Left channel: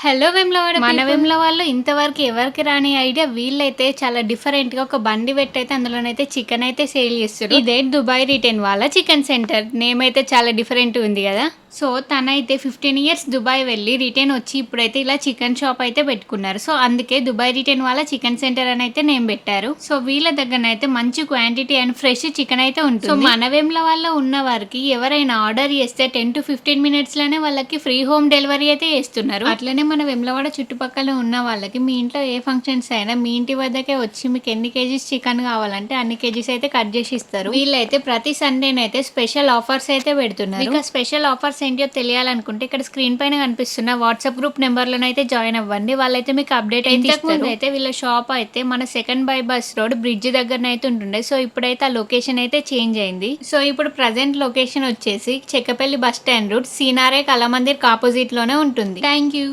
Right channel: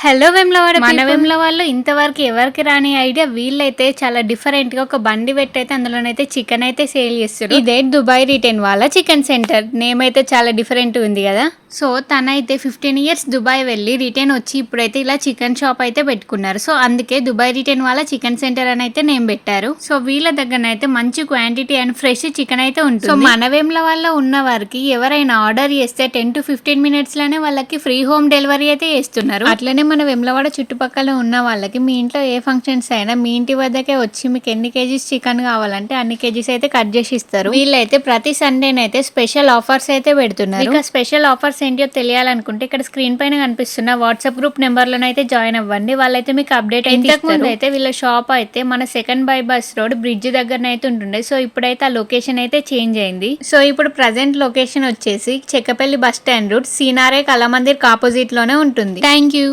Hello Vemulawada మన people. వేములవాడలో ఇంతవరకు ఎవరికి రాని ఐడియా వీళ్ళైతే చాలా డిఫరెంట్ గా ఒక బండి పెట్టయితే అందులోనైతే చికెన్ అయితే సేల్ చేస్తారు. ఇదే దుబాయ్ రిటైన్ వాళ్ళ చికెన్ సెంటర్ నేమ్ అయితే చాలా డిఫరెంట్ ఉంది కదా. సో తనైతే 15 ఇయర్స్ దుబాయ్ వెళ్ళి రిటర్న్ వచ్చి ఇప్పుడైతే ఇలా చికెన్ షాప్ అయితే పెట్టుకున్నారు. సో అందుకే దుబాయ్ రిటర్న్ వాళ్ళ చికెన్ సెంటర్ అని అయితే నేమ్ పెట్టారు. సో వీళ్ళ దగ్గర అయితే మంచి క్వాంటిటీ అండ్ ఫ్రెష్ చికెన్ అయితే ఉంటుంది. సో మన వేములవాడలో ఉన్న వారికి ఎవరైనా ఆర్డర్ చేస్తే 10 to 15 మినిట్స్ లోనే వాళ్ళకి ఫ్రీ హోమ్ డెలివరీ అయితే చేస్తున్నారు. అట్లనే మన వేములవాడ చుట్టుపక్కల ఉన్న వాళ్ళకి మీ ఇంట్లో ఏ ఫంక్షన్స్ అయినా మీ ఇంటి వద్దకే వచ్చి మీకు ఎన్ని కేజీస్ చికెన్ కావాలంటే అన్ని కేజీస్ అయితే కట్ చేసి ఇస్తారు. వీళ్ళైతే ప్రతి సండేనైతే స్పెషల్ ఆఫర్స్ అయితే పెడుతున్నారు. ఇక స్పెషల్ ఆఫర్స్ ఏంటో తెలియాలనుకుంటే ఇక్కడ స్క్రీన్ పైన కనిపిస్తున్న వాట్సాప్ గ్రూప్ నెంబర్లను అయితే జాయిన్ అవ్వండి. వాళ్ళైతే మీకు అప్డేట్ అయితే ఇస్తారు. అయితే వీళ్ళ షాప్ అయితే మన సెకండ్ బైపాస్ రోడ్ బ్రిడ్జ్ దగ్గర అయితే ఉంటుండే. సో ఇప్పుడైతే ఆ లొకేషన్ అయితే చేంజ్ అయింది. సో ఇప్పుడు ప్రజెంట్ లొకేషన్ వచ్చేసి Chekkapalli bus stand route Cinare Kalamandir opposite లోనే ఉంటుంది. Thank you.